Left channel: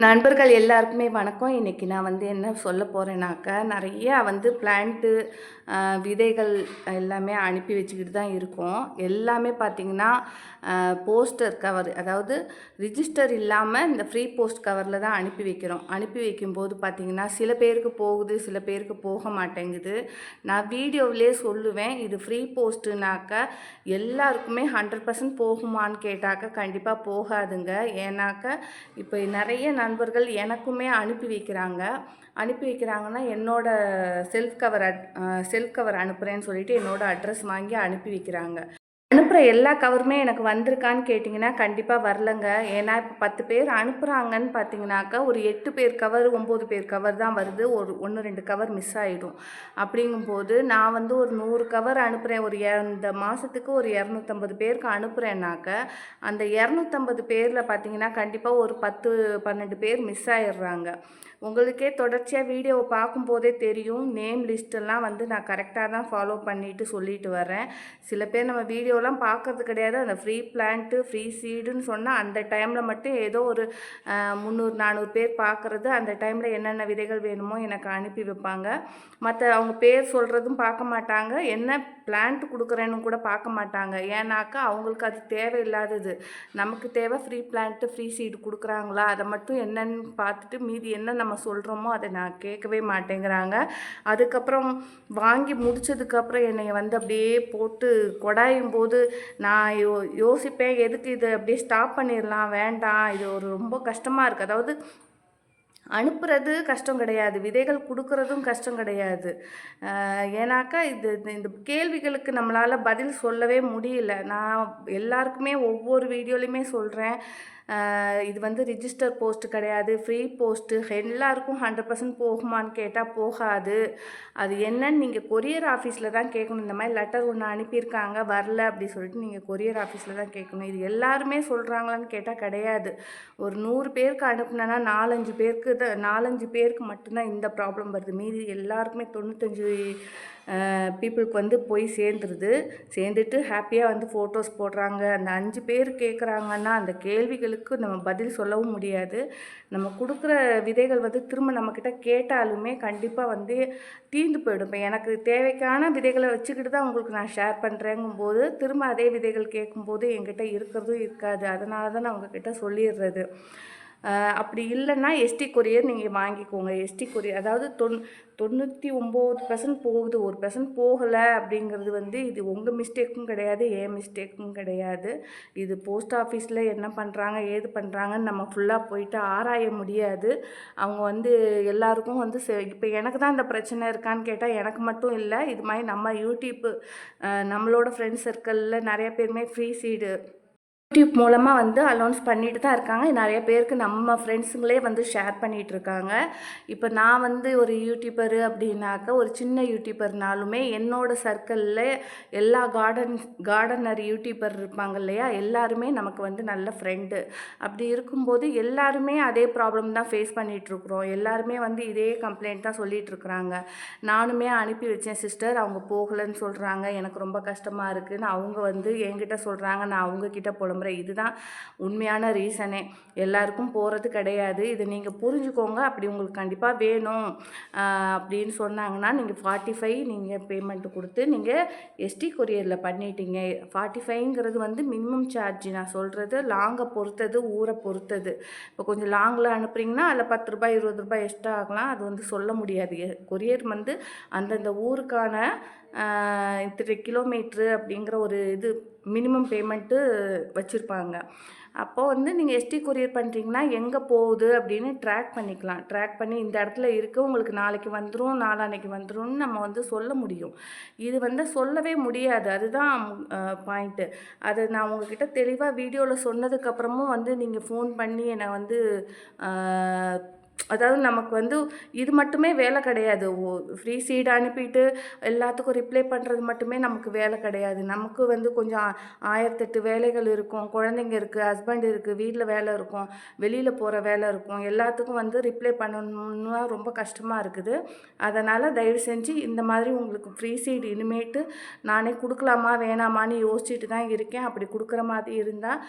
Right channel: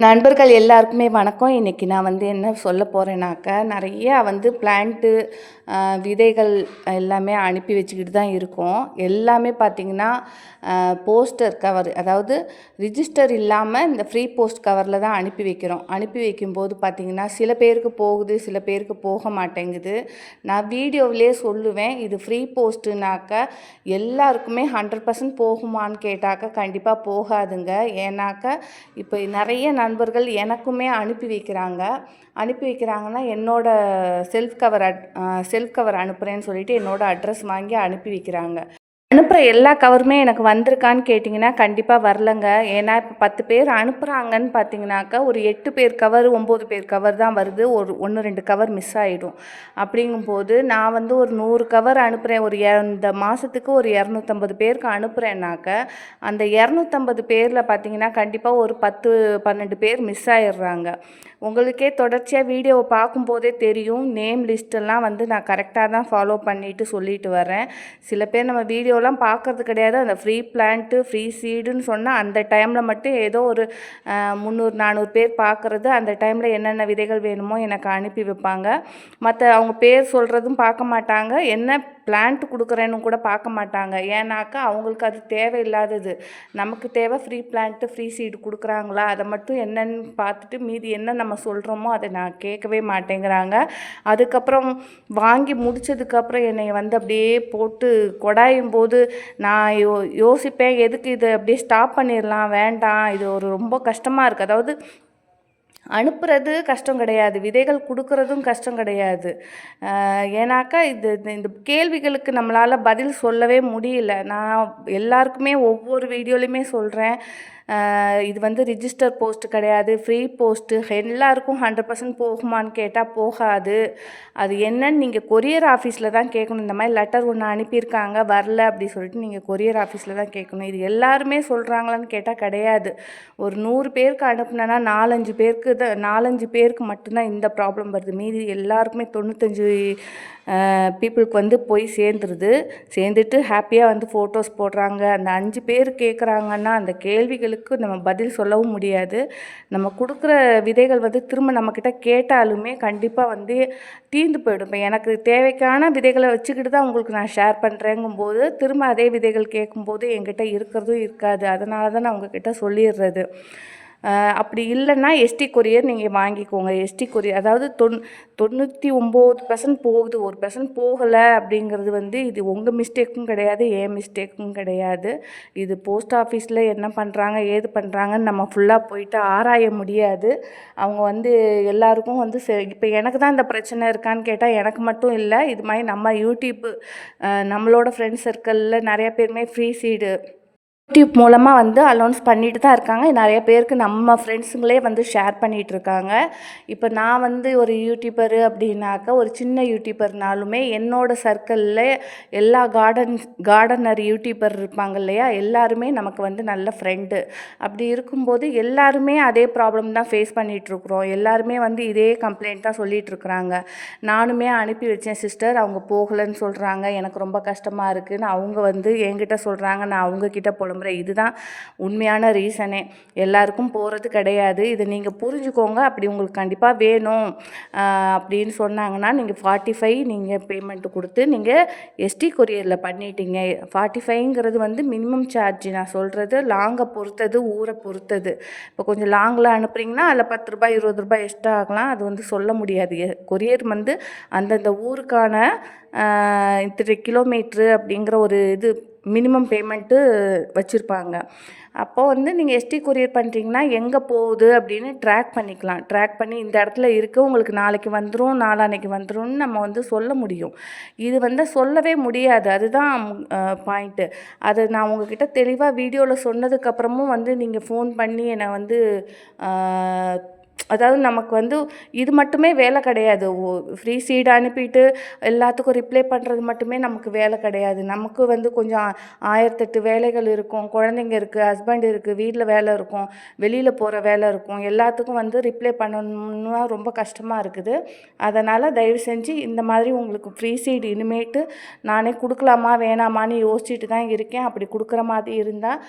நண்பர்கள் எல்லாருக்குமே வணக்கம். இன்றைக்கி நான் வந்து என்ன சொல்ல போகிறேன்னாக்கா நிறையா வந்து பிளான்ட்டு விதைகள் எல்லாமே அனுப்பி வச்சுக்கிட்டு தான் இருக்கோம். எல்லாமே பார்த்திங்கன்னா போஸ்டர் கவர் அதாவது ரிஜிஸ்டர் இல்லாமல் இந்த ஃப்ரீ போஸ்ட் கவரில் தான் அனுப்பி வைக்கிறோம். அனுப்பி வைக்கும்போது பார்த்திங்கன்னா சில பேருக்கு போகுது சில பேருக்கு போக மாட்டேங்குது. நான் வீடியோவிலே சொல்லுவேன் இது ஃப்ரீ போஸ்ட்டுனாக்கா எல்லாருக்குமே ஹண்ட்ரட் பர்சன்ட் போகுமான்னு கேட்டாக்க கண்டிப்பாக போகாதுங்க. ஏன்னாக்க இப்போ நிறைய நண்பர்கள் எனக்குமே அனுப்பி வைக்கிறாங்க. அனுப்பி வைக்கிறாங்கன்னா என்னோடய self cover at self cover அனுப்புகிறேன்னு சொல்லிட்டு என்னோடய அட்ரஸ் வாங்கி அனுப்பி வைக்கிறாங்க. அனுப்புகிற எல்லா கவருமே எனக்கு வந்திருக்கான்னு கேட்டிங்கன்னா கண்டிப்பாக வரலங்க. ஏன்னா இப்போ பத்து பேர் அனுப்புகிறாங்கன்னு பார்த்தீங்கன்னாக்கா ஒரு எட்டு பேர் கவர் ஒம்பது பேர் கவர் தான் வருது. ஒரு ஒன்று ரெண்டு கவர் மிஸ் ஆகிடும் அப்படிங்கும்போது நான் வந்து ஒரு நூறு கவர் அனுப்புகிறேன் ஒரு இந்த மாதத்துக்கு ஒரு இரநூத்தம்பது பேருக்கு அனுப்புகிறேன்னாக்க அந்த இரநூத்தம்பது பேரில் பார்த்தீங்கன்னா கண்டிப்பாக ஒரு பத்து பன்னெண்டு பேர் மிஸ் ஆயிடுறாங்க. உங்களுக்கே தொடர்ச்சியாக வீடியோவை பார்க்கும்போதே தெரியும். நேம் லிஸ்ட்டெல்லாம் வந்து நான் கரெக்டாக தான் ஃபாலோ பண்ணிவிட்டு சொல்லிட்டு வரேன் சில பேர் நம்ம வீடியோலாம் பார்க்குறது கிடையாது. அந்த ஃப்ரீ பிளான்ட்டு ஃப்ரீ சீடுன்னு சொன்னால் அந்த டைமில் மட்டும் ஏதோ ஒரு முந்நூறு நானூறு பேர் பார்க்குறது. அந்த டைமில் என்னென்ன விதைகள் வேணுமோ எனக்கு அனுப்பி வைப்பாங்க. மற்ற அவங்க பேர் சொல்கிறதும் பார்க்க மாட்டாங்க. என்ன பிளான்ட் கொடுக்குறேன்னு கூட பார்க்க மாட்டாங்க. ஏன்னாக்கா அவங்களுக்கு அது தேவையில்லாதது. நமக்கு தேவை ஃப்ரீ பிளான்ட்டு ஃப்ரீ சீடு கொடுக்குறாங்களா? அதை மட்டும் என்னென்னு பார்த்துட்டு மீதி என்ன நம்ம சொல்கிறோமோ அதை நான் கேட்கவே மாட்டேங்கிறாங்க. அதுக்கப்புறம் வாங்கி முடித்ததுக்கப்புறம் என்னை வந்து அப்படியே போட்டு கொடாயும் போது நான் யோ யோசிப்பேன் எதுக்கு இதை அப்படியே ஸ்டாப் பண்ணிடலாம் வேண்டாம். இது ஒரு ரொம்ப கஷ்டமாக இருக்குது அதாவது அனுப்புறது கஷ்டம் கிடையாது. விதைகள் கொடுக்குறதும் கஷ்டம் கிடையாது. ஏன்னாக்கா இது இந்த கேள்விகளுக்கு நம்மளால் பதில் சொல்லவே முடியல. நான் எல்லாருக்குமே ஒவ்வொரு வீடியோலையுமே சொல்கிறேன் இது வந்து ரிஜிஸ்டர் போஸ்ட் கிடையாது. ஃப்ரீ போஸ்ட்டு எல்லாருக்கும் ஹண்ட்ரட் பர்சன்ட் போகுமான்னு கேட்டால் போகாது. அது என்னன்னு நீங்கள் கொரியர் ஆஃபீஸில் தான் கேட்கணும். இந்த மாதிரி லெட்டர் ஒன்று அனுப்பியிருக்காங்க வரல அப்படி சொல்லிட்டு நீங்கள் கொரியர் ஆஃபீஸில் தான் கேட்கணும். இது எல்லாருமே சொல்கிறாங்களான்னு கேட்டால் கிடையாது. ஒரு நூறு பேருக்கு அனுப்புனேன்னா நாலஞ்சு பேருக்கு தான் நாலஞ்சு பேருக்கு மட்டும்தான் இந்த ப்ராப்ளம் வருது. மீதி எல்லாருக்குமே தொண்ணூத்தஞ்சு பீப்புளுக்கு வந்து போய் சேர்ந்துருது. சேர்ந்துட்டு ஹாப்பியாக வந்து ஃபோட்டோஸ் போடுறாங்க. அந்த அஞ்சு பேர் கேட்குறாங்கன்னா அந்த கேள்விகளுக்கு நம்ம பதில் சொல்லவும் முடியாது. நம்ம கொடுக்குற விதைகள் வந்து திரும்ப நம்மக்கிட்ட கேட்டாலுமே கண்டிப்பாக வந்து தீர்ந்து போயிடும். இப்போ எனக்கு தேவைக்கான விதைகளை வச்சுக்கிட்டு தான் உங்களுக்கு நான் ஷேர் பண்ணுறேங்கும்போது திரும்ப அதே விதைகள் கேட்கும்போது என்கிட்ட இருக்கிறதும் இருக்காது. அதனால தான் நான் உங்ககிட்ட சொல்லிடுறது. அப்படி இல்லைன்னா எஸ்டி கொரியர் நீங்கள் வாங்கிக்கோங்க. எஸ்டி கொரியர் அதாவது தொன் தொண்ணூற்றி ஒம்பது பர்சன்ட் போகுது. ஒரு பர்சன்ட் போகலை அப்படிங்கிறது வந்து இது உங்கள் மிஸ்டேக்கும் கிடையாது ஏன் மிஸ்டேக்கும் கிடையாது. இது போஸ்ட் ஆஃபீஸில் என்ன பண்ணுறாங்க ஏது பண்ணுறாங்கன்னு நம்ம ஃபுல்லாக போயிட்டு ஆராய முடியாது. அவங்க வந்து எல்லாருக்கும் வந்து இப்போ எனக்கு தான் இந்த பிரச்சனை இருக்கான்னு கேட்டால் எனக்கு மட்டும் இல்லை இது மாதிரி நம்ம யூடியூப்பு நம்மளோட ஃப்ரெண்ட்ஸ் சர்க்கிளில் நிறையா பேருமே ஃப்ரீ சீடு யூடியூப் மூலமாக வந்து அலௌன்ஸ் பண்ணிட்டு தான் இருக்காங்க. நிறைய பேருக்கு நம்ம ஃப்ரெண்ட்ஸுங்களே வந்து ஷேர் பண்ணிகிட்டு இருக்காங்க. இப்போ நான் வந்து ஒரு யூடியூபரு அப்படின்னாக்கா ஒரு சின்ன யூடியூபர்னாலுமே என்னோடய சர்க்கிளில் எல்லா கார்டன் கார்டனர் யூடியூபர் இருப்பாங்க இல்லையா? எல்லாருமே நமக்கு வந்து நல்ல ஃப்ரெண்டு அப்படி இருக்கும்போது எல்லாருமே அதே ப்ராப்ளம் தான் ஃபேஸ் பண்ணிகிட்ருக்குறோம் எல்லாருமே வந்து இதே கம்ப்ளைண்ட் தான் சொல்லிகிட்ருக்குறாங்க நானுமே அனுப்பி வச்சேன் சிஸ்டர் அவங்க போகலைன்னு சொல்கிறாங்க எனக்கு ரொம்ப கஷ்டமாக இருக்குதுன்னு அவங்க வந்து என்கிட்ட சொல்கிறாங்க நான் அவங்கக்கிட்ட போல முறை இதுதான் உண்மையான ரீசனே. எல்லாருக்கும் போகிறது கிடையாது. இதை நீங்கள் புரிஞ்சுக்கோங்க. அப்படி உங்களுக்கு கண்டிப்பாக வேணும். அப்படின்னு சொன்னாங்கன்னா நீங்கள் ஃபார்ட்டி ஃபைவ் நீங்கள் பேமெண்ட்டு கொடுத்து நீங்கள் எஸ்டி கொரியரில் பண்ணிட்டீங்க. ஃபார்ட்டி ஃபைவ்ங்கிறது வந்து மினிமம் சார்ஜ் நான் சொல்கிறது லாங்கை பொறுத்தது ஊரை பொறுத்தது. இப்போ கொஞ்சம் லாங்கில் அனுப்புகிறீங்கன்னா அதில் பத்து ரூபாய் இருபது ரூபாய் எக்ஸ்ட்ரா ஆகலாம். அது வந்து சொல்ல முடியாது. கொரியர் வந்து அந்தந்த ஊருக்கான இத்தனை கிலோமீட்ரு அப்படிங்கிற ஒரு இது மினிமம் பேமெண்ட்டு வச்சுருப்பாங்க. அப்போது வந்து நீங்கள் எஸ்டி கொரியர் பண்ணுறீங்கன்னா எங்கே போகுது அப்படின்னு ட்ராக் பண்ணிக்கலாம். ட்ராக் பண்ணி இந்த இடத்துல இருக்க உங்களுக்கு நாளைக்கு வந்துடும் நாளான்னைக்கு வந்துடும்னு நம்ம வந்து சொல்ல முடியும். இது வந்து சொல்லவே முடியாது. அதுதான் பாயிண்ட்டு அது நான் உங்ககிட்ட தெளிவாக வீடியோவில் சொன்னதுக்கப்புறமும் வந்து நீங்கள் ஃபோன் பண்ணி என்னை வந்து அதாவது நமக்கு வந்து இது மட்டுமே வேலை கிடையாது. ஓ ஃப்ரீ சீட் அனுப்பிட்டு எல்லாத்துக்கும் ரிப்ளை பண்ணுறது மட்டுமே நமக்கு வேலை கிடையாது. நமக்கு வந்து கொஞ்சம் ஆயிரத்தெட்டு வேலைகள் இருக்கும். குழந்தைங்க இருக்குது ஹஸ்பண்ட் இருக்குது வீட்டில் வேலை இருக்கும் வெளியில் போகிற வேலை இருக்கும். எல்லாத்துக்கும் வந்து ரிப்ளை பண்ணணும்னா ரொம்ப கஷ்டமாக இருக்குது. அதனால் தயவு செஞ்சு இந்த மாதிரி உங்களுக்கு ஃப்ரீ சீட் இனிமேட்டு நானே கொடுக்கலாமா வேணாமான்னு யோசிச்சுட்டு தான் இருக்கேன். அப்படி கொடுக்குற மாதிரி இருந்தால்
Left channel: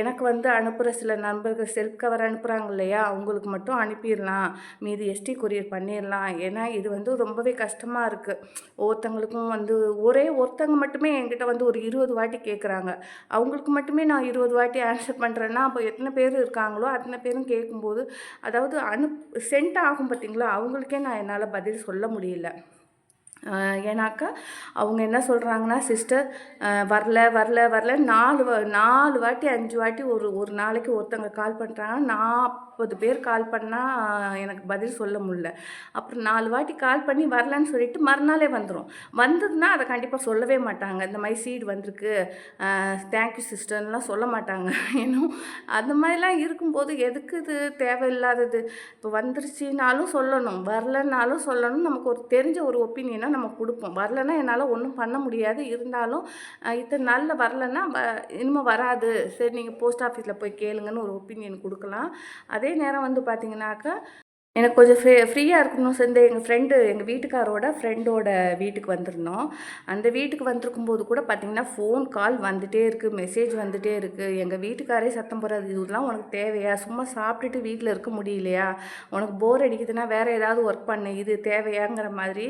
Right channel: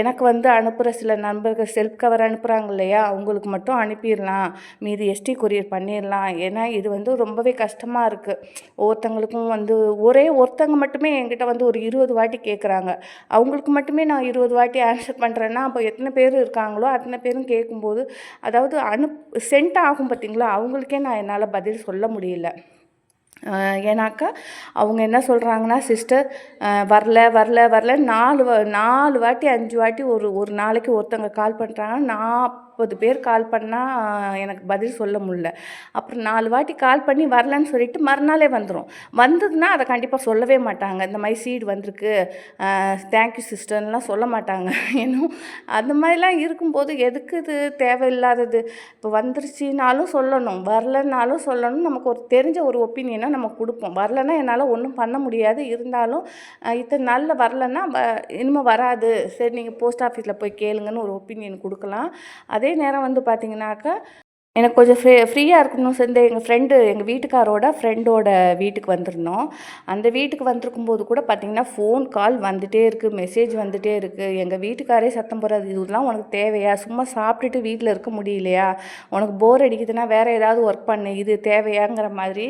எனக்கு வந்து அனுப்புகிற சில நண்பர்கள் செல்ஃப் கவர் அனுப்புகிறாங்க இல்லையா? அவங்களுக்கு மட்டும் அனுப்பி அனுப்பிடலாம் மீதி எஸ்டி கொரியர் பண்ணிடலாம். ஏன்னா இது வந்து ரொம்பவே கஷ்டமாக இருக்குது ஒவ்வொருத்தங்களுக்கும் வந்து ஒரே ஒருத்தங்க மட்டுமே என்கிட்ட வந்து ஒரு இருபது வாட்டி கேட்குறாங்க அவங்களுக்கு மட்டுமே நான் இருபது வாட்டி ஆன்சர் பண்ணுறேன்னா அப்போ எத்தனை பேர் இருக்காங்களோ அத்தனை பேரும் கேட்கும்போது அதாவது அனு சென்ட் ஆகும் பார்த்தீங்களா அவங்களுக்கே நான் என்னால் பதில் சொல்ல முடியல. ஏன்னாக்கா அவங்க என்ன சொல்கிறாங்கன்னா சிஸ்டர் வரல வரல வரல நாலு நாலு வாட்டி அஞ்சு வாட்டி ஒரு ஒரு நாளைக்கு ஒருத்தங்க கால் பண்ணுறாங்க நாற்பது பேர் கால் பண்ணால் எனக்கு பதில் சொல்ல முடியல. அப்புறம் நாலு வாட்டி கால் பண்ணி வரலன்னு சொல்லிட்டு மறுநாளே வந்துடும் வந்ததுன்னா அதை கண்டிப்பாக சொல்லவே மாட்டாங்க. இந்த மாதிரி சீடு வந்திருக்கு. தேங்க்யூ சிஸ்டர்லாம் சொல்ல மாட்டாங்க. இன்னும் அந்த மாதிரிலாம் இருக்கும்போது எதுக்கு இது தேவையில்லாதது? இப்போ வந்துருச்சுனாலும் சொல்லணும். வரலனாலும் சொல்லணும். நமக்கு ஒரு தெரிஞ்ச ஒரு ஒப்பீனியனை நம்ம கொடுப்போம். வரலன்னா என்னால் ஒன்றும் பண்ண முடியாது. இருந்தாலும் இத்தனை நாளில் வரலன்னா வ இனிமேல் வராது. சரி நீங்கள் போஸ்ட் ஆஃபீஸில் போய் கேளுங்கன்னு ஒரு ஒப்பீனியன் கொடுக்கலாம். அதே அதே நேரம் வந்து பார்த்திங்கனாக்கா எனக்கு கொஞ்சம் ஃப்ரீ ஃப்ரீயாக இருக்கணும். சேர்ந்து எங்கள் ஃப்ரெண்டு எங்கள் வீட்டுக்காரோட ஃப்ரெண்டோட வீட்டுக்கு வந்திருந்தோம். அந்த வீட்டுக்கு வந்திருக்கும் போது கூட பார்த்திங்கன்னா ஃபோன் கால் வந்துகிட்டே இருக்குது மெசேஜ் வந்துகிட்டே இருக்குது எங்கள் வீட்டுக்காரே சத்தம் போடுறது இதெல்லாம் உனக்கு தேவையா? சும்மா சாப்பிட்டுட்டு வீட்டில் இருக்க முடியலையா? உனக்கு போர் அடிக்குதுன்னா வேறு ஏதாவது ஒர்க் பண்ணு. இது தேவையாங்கிற மாதிரி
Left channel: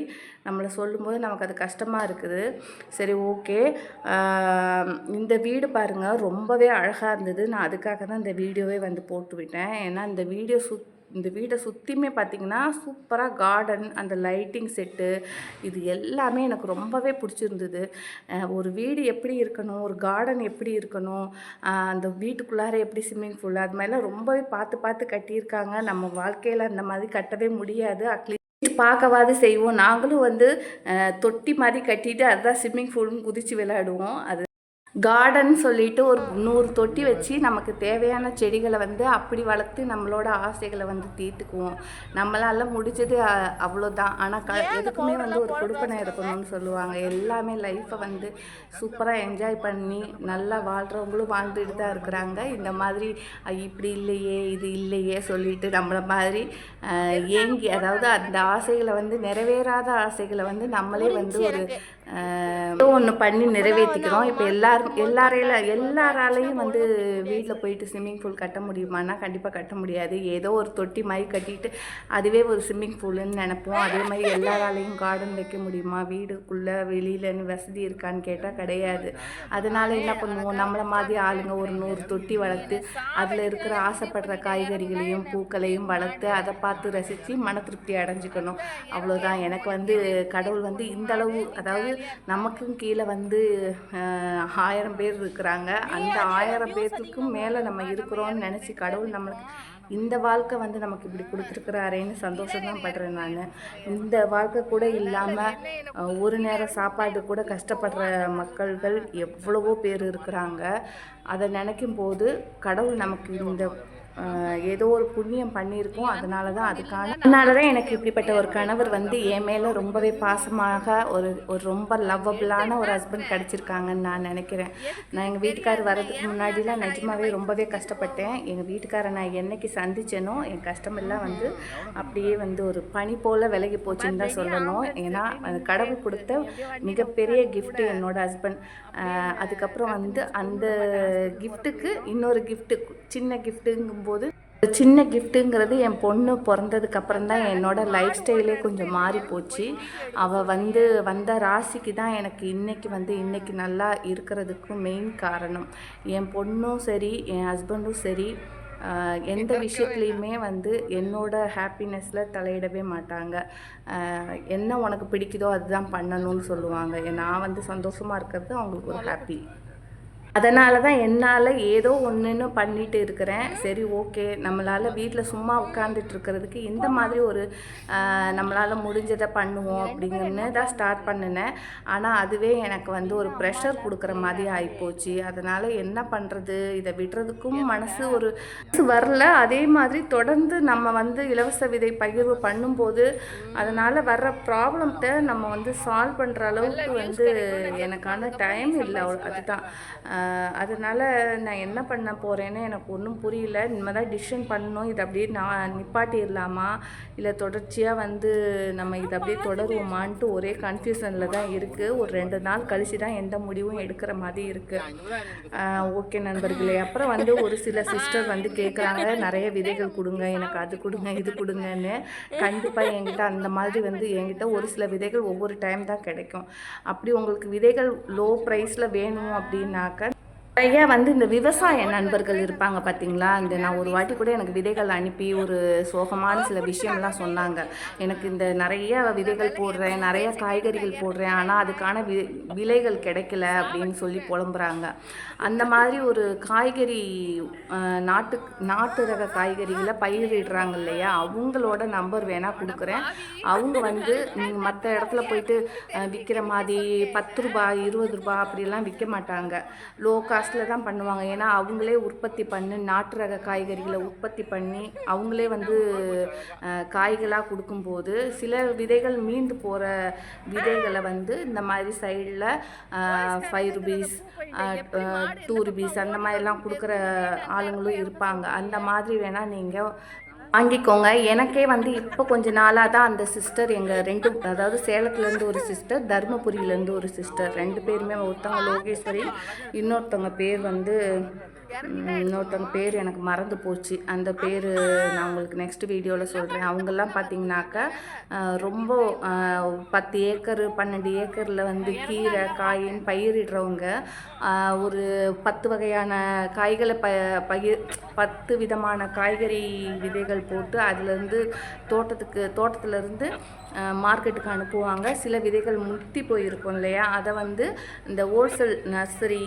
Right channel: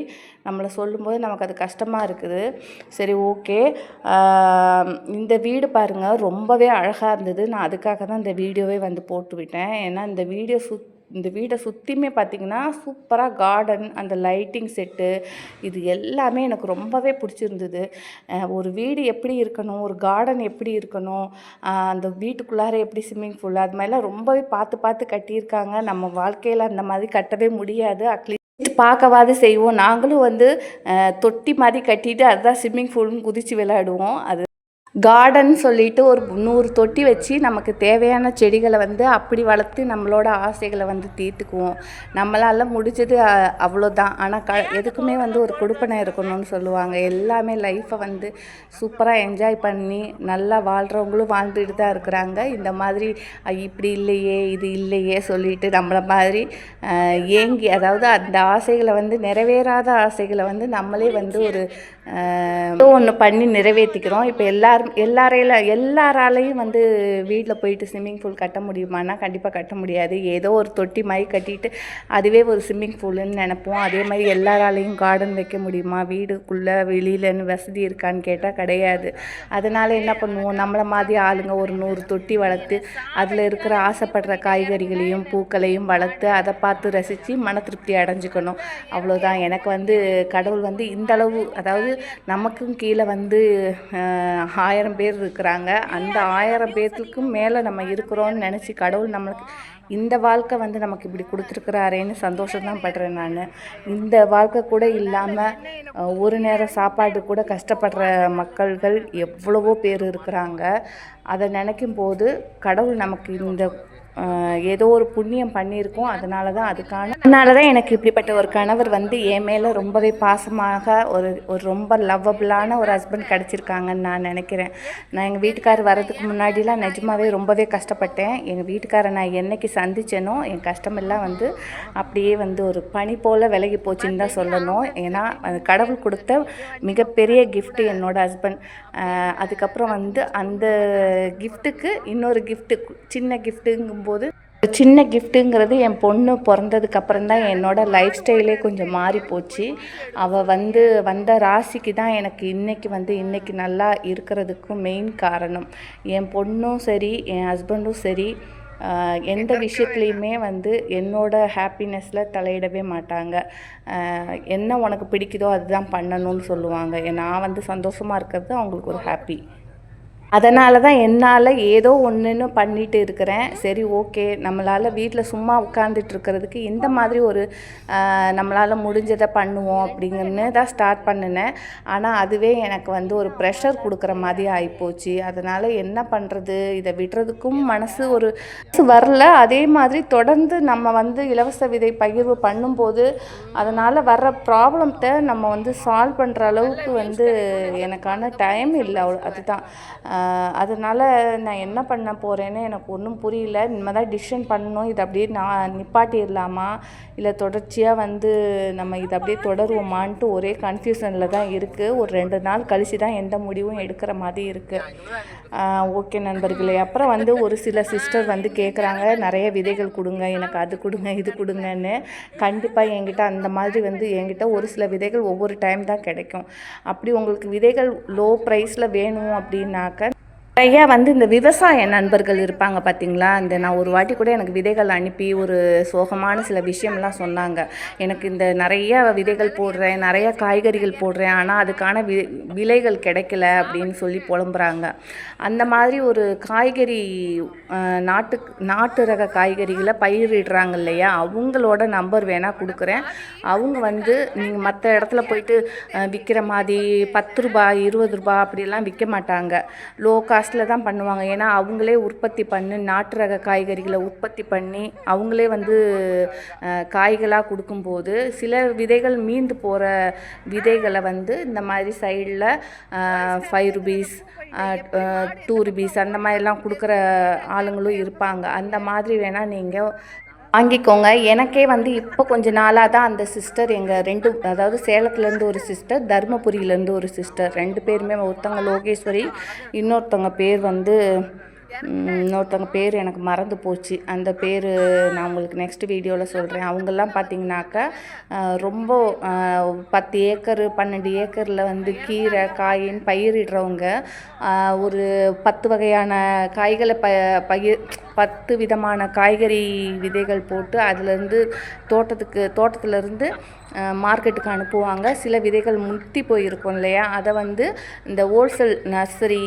நம்மளை சொல்லும்போது நமக்கு அது கஷ்டமாக இருக்குது. சரி ஓகே இந்த வீடு பாருங்கள் ரொம்பவே அழகாக இருந்தது. நான் அதுக்காக தான் இந்த வீடியோவே வந்து போட்டு விட்டேன். ஏன்னா இந்த வீடியோ சுத் இந்த வீடை சுற்றியுமே பார்த்தீங்கன்னா சூப்பராக கார்டன் அந்த லைட்டிங் செட்டு இது எல்லாமே எனக்கு ரொம்பவே பிடிச்சிருந்தது. ஒரு வீடு எப்படி இருக்கணும் ஒரு கார்டன் எப்படி இருக்கணும் அந்த வீட்டுக்குள்ளார எப்படி ஸ்விம்மிங் பூல் அது மாதிரிலாம் ரொம்பவே பார்த்து பார்த்து கட்டியிருக்காங்க. நம்ம வாழ்க்கையில் அந்த மாதிரி கட்டவே முடியாது. அட்லீஸ்ட் பார்க்கவாது செய்வோம். நாங்களும் வந்து தொட்டி மாதிரி கட்டிட்டு அதுதான் ஸ்விம்மிங் ஃபூல்னு குதித்து விளையாடுவோம். அது கார்டன் சொல்லிட்டு ஒரு நூறு தொட்டி வச்சு நமக்கு தேவையான செடிகளை வந்து அப்படி வளர்த்து நம்மளோட ஆசைகளை வந்து தீர்த்துக்குவோம். நம்மளால் முடிஞ்சது அவ்வளோதான் ஆனால் க எதுக்குமே வந்து ஒரு கொடுப்பனை இருக்கணும்னு சொல்லுவாங்க. எல்லாமே லைஃப்பை வந்து சூப்பராக என்ஜாய் பண்ணி நல்லா வாழ்கிறவங்களும் வாழ்ந்துட்டு தான் இருக்கிறாங்க. இந்த மாதிரி இப்படி இல்லையே இது இல்லையே சொல்லிட்டு நம்மளை மாதிரி ஏங்கி அதாவது அந்த ஆசைகளை வந்து நிறைவேறாத ஆசைகளை வந்து நம்மளே வந்து ஒரு ஒன்று பண்ணி நிறைவேற்றிக்கிறோம் இப்போ எல்லாரும் எல்லாரையில எல்லாராலையும் வந்து வீட்டில் போயிட்டு ஸ்விம்மிங் பூல் கட்ட முடியுமானா கண்டிப்பாக கட்ட முடியாது. ஏதோ ஒரு தொட்டி மாதிரி கட்டிட்டு அதுவே ஒரு ஸ்விம்மிங் பூலுன்னு நினைப்போம். அதே மாதிரி எல்லாராலையும் கார்டன் வைக்க முடியுமா? வீடுக்குள்ளே வெளியிலன்னு வசதி இருக்கான்னு கேட்டால் கிடையாது. அதனால் என்ன பண்ணுவோம்? நம்மளை மாதிரி ஆளுங்க ஒரு நூறு தொட்டி வளர்த்து அதில் இருக்கிற ஆசைப்படுற காய்கறிகளையும் பூக்களையும் வளர்த்து அதை பார்த்து ரசித்து மன திருப்தி அடைஞ்சுக்கணும். அவ்வளோதான் எனக்கு வந்து கடவுள் வந்து இந்த அளவு அதாவது நமக்கும் கீழே வந்து ஆயிரம் பேர் இருக்கிறாங்க. அந்த ஆயிரம் பேர்த்துக்கும் மேலே நம்ம இருக்கிறோன்னு நினச்சி கடவுள் நம்மளுக்கு இந்த வாழ்க்கை வந்து நமக்கு இப்படி கொடுத்துருக்குறாரேன்னு சந்தோஷம் தான் படுறேன் நான். இந்த வாழ்க்கை கூட இல்லாமல் ஒரு நேரம் சாப்பாடு கூட கஷ்டப்படுற மக்கள்கள் எவ்வளவோ பேர் இருக்கிறாங்க. அதை நினைக்கும் போது கடவுள் நமக்கு இந்த ஏதோ ஒரு புண்ணியம் பண்ணியிருக்கோம். அதனால தான் அதுக்கான அதனால தான் எனக்கு இப்படிப்பட்ட ஒரு கணவர் வந்து என் மேலே ரொம்பவே பாசமாக ஒரு ஒரு ரொம்ப லவ்வபிளான ஒரு ஹஸ்பண்ட் கிடச்சிருக்காங்கன்னு நான் நினைக்கிறேன். நான் எங்கள் வீட்டுக்கார் வர்றதுக்கு முன்னாடிலாம் நிஜமாவே ரொம்பவே கஷ்டப்பட்டேன். எங்கள் வீட்டுக்காரை நான் என்னைக்கு சந்திச்சேனோ என் கஷ்டமெல்லாம் வந்து அப்படியே வந்து ஒரு பனி போல் விலகி போச்சுன்னு தான் சொல்லணும். ஏன்னா அது கடவுள் கொடுத்த மிகப்பெரிய கிஃப்ட்டு என்னோட ஹஸ்பண்ட் அதுக்கப்புறம் வந்து அந்த கிஃப்ட்டுக்கு இன்னொரு கிஃப்ட்டு சின்ன கிஃப்ட்டுங்கும்போது சின்ன கிஃப்ட்டுங்கிறது என் பொண்ணு பிறந்ததுக்கு அப்புறம் தான் என்னோட லைஃப் ஸ்டைலே கொஞ்சம் மாறி போச்சு. அவள் வந்து வந்த ராசிக்கு தான் எனக்கு இன்னைக்கு வந்து இன்னைக்கு நல்லா இருக்கிறதுக்கும் மெயின் காரணம். என் பொண்ணும் சரி என் ஹஸ்பண்டும் சரி எந்த விஷயத்துலையுமே வந்து என்னோட ஹாப்பினஸில் தலையிடவே மாட்டாங்க. என்ன உனக்கு பிடிக்குதோ அதுதான் பண்ணணும்னு சொல்லுவாங்க. நான் வந்து சந்தோஷமாக இருக்கிறது அவங்களுக்கு ஒரு ஹாப்பி அதனால தான் என்னால் ஏதோ ஒன்றுன்னு பண்ணிட்டு இருக்கிறேன். சரி ஓகே. நம்மளால் வீட்டில் சும்மா உட்காந்துட்டு இருக்கிறதுக்கு இந்த மாதிரி ஒரு நம்மளால் முடிஞ்சதை பண்ணுவோம் அப்படிங்கன்னு தான் ஸ்டார்ட் பண்ணினேன். ஆனால் அதுவே எனக்கு வந்து ஒரு ப்ரெஷர் கொடுக்குற மாதிரி ஆகிப்போச்சு அதனால் என்ன பண்ணுறது இதை விடுறதுக்கும் மனசு ஒரு வரல. அதே மாதிரி தொடர்ந்து நம்ம வந்து இலவச விதை பகிர்வு பண்ணும்போது அதனால் வர்ற ப்ராப்ளத்தை நம்ம வந்து சால்வ் பண்ணுற அளவுக்கு வந்து எனக்கான டைம் இல்லை. அதுதான். அதனால் நான் என்ன பண்ண போகிறேன்னு எனக்கு ஒன்றும் புரியல. இனிமேல் தான் டிசிஷன் பண்ணணும். இதை அப்படியே நான் நிப்பாட்டிடலாமா? இல்லை தொடர்ச்சியாக வந்து நம்ம இதை அப்படியே தொடருவோமான்ட்டு ஒரே கன்ஃபியூஷனில் தான் இருக்குது ஒரு ரெண்டு நாள் கழித்து தான் எந்த முடிவும் எடுக்கிற மாதிரி இருக்குது ஓகே நண்பர்களே. அப்புறம் வந்து ஒரு சில சிஸ்டர் வந்து கேட்குறாங்க நிறைய விதைகள் கொடுங்க எனக்கு அது கொடுங்க இது கொடுங்கன்னு. கண்டிப்பாக என்கிட்ட அந்த மாதிரி வந்து என்கிட்ட ஒரு சில விதைகள் ஒவ்வொரு டைம் தான் கிடைக்கும். அப்படி உங்களுக்கு விதைகள் லோ ப்ரைஸில் வேணும் அப்படின்னாக்க நிறையா வந்து இந்த விவசாய நண்பர்கள் இருப்பாங்க பார்த்தீங்களா? இந்த நான் ஒரு வாட்டி கூட எனக்கு விதைகள் அனுப்பி ஒரு சோகமான சில விஷயம்லாம் சொன்னாங்க. எனக்கு இந்த நிறைய விதைகள் போடுறேன் நிறைய காய்கறிகள் போடுறேன். ஆனால் அதுக்கான வி விலைகள் கிடைக்கல அப்படின்னு சொல்லி புலம்புறாங்க. அந்த மாதிரி ஒரு காய்கறி நாட்டு நாட்டு ரக காய்கறிகளை பயிரிடுறாங்க இல்லையா அவங்களோட நம்பர் வேணால் கொடுக்குறேன். அவங்க வந்து நீங்கள் மற்ற இடத்துல போயிட்டு விற்கிற மாதிரி பத்து ரூபாய் இருபது ரூபாய் அப்படிலாம் விற்க மாட்டாங்க. லோ காஸ்ட்டில் தான் பண்ணுவாங்க. ஏன்னா அவங்களே உற்பத்தி பண்ணி நாட்டு ரக காய்கறிகளை உற்பத்தி பண்ணி அவங்களே வந்து காய்களாக கொடுக்கும்போது சில விதைகள் மீந்து போகிற விதைகளை வந்து இந்த மாதிரி சைடில் ஃபைவ் ருபீஸ் டூ ருபீஸ் அந்த மாதிரிலாம் கொடுக்குற ஆளுங்களும் இருப்பாங்க. அந்த மாதிரி வேணால் நீங்கள் வாங்கிக்கோங்க. எனக்கே வந்து இப்போ கொஞ்ச நாளாக தான் அந்த சிஸ்டர் எங்கள் ரெண்டு அதாவது சேலத்துலேருந்து ஒரு சிஸ்டர் தருமபுரியிலேருந்து ஒரு சிஸ்டர். ரெண்டு பேருமே ஒருத்தவங்க லோகேஸ்வரி இன்னொருத்தவங்க பேர் வந்து இன்னொருத்தவங்க பேர் எனக்கு மறந்து போச்சு. அந்த பேர் நான் உங்களுக்கு நெக்ஸ்ட் வீடியோவில் சொல்கிறேன் அவங்கெல்லாம் பார்த்தீங்கன்னாக்கா ரொம்ப பத்து ஏக்கர் பன்னெண்டு ஏக்கரில் வந்து கீரை காயின் பயிரிடுறவங்க ஒரு பத்து வகையான காய்களை ப பயிர் பத்து விதமான காய்கறி விதைகள் போட்டு அதுலேருந்து தோட்டத்துக்கு தோட்டத்துலேருந்து மார்க்கெட்டுக்கு அனுப்புவாங்க. சில விதைகள் முத்தி போயிருக்கும் இல்லையா? அதை வந்து இந்த ஹோல்சேல் நர்சரி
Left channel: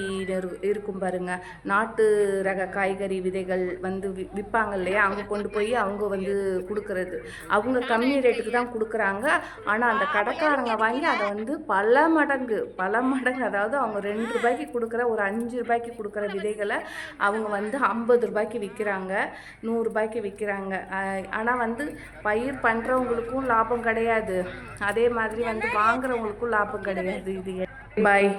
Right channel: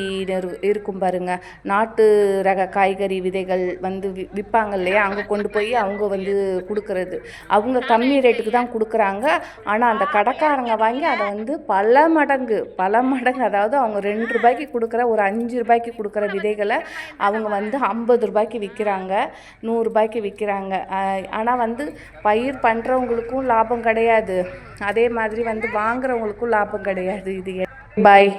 இருக்கும் பாருங்கள் நாட்டு ரக காய்கறி விதைகள் வந்து விற்பாங்க இல்லையா? அங்கே கொண்டு போய் அவங்க வந்து கொடுக்குறது. அவங்க கம்மி ரேட்டுக்கு தான் கொடுக்குறாங்க. ஆனால் அந்த கடைக்காரங்க வாங்கி அதை வந்து பல மடங்கு பல மடங்கு அதாவது அவங்க ரெண்டு ரூபாய்க்கு கொடுக்குற ஒரு அஞ்சு ரூபாய்க்கு கொடுக்குற விதைகளை அவங்க வந்து ஐம்பது ரூபாய்க்கு விற்கிறாங்க நூறுரூபாய்க்கு விற்கிறாங்க ஆனால் வந்து பயிர் பண்ணுறவங்களுக்கும் லாபம் கிடையாது. கிடையாது. அதே மாதிரி வந்து வாங்குறவங்களுக்கும் லாபம் கிடையாது. இது பாய்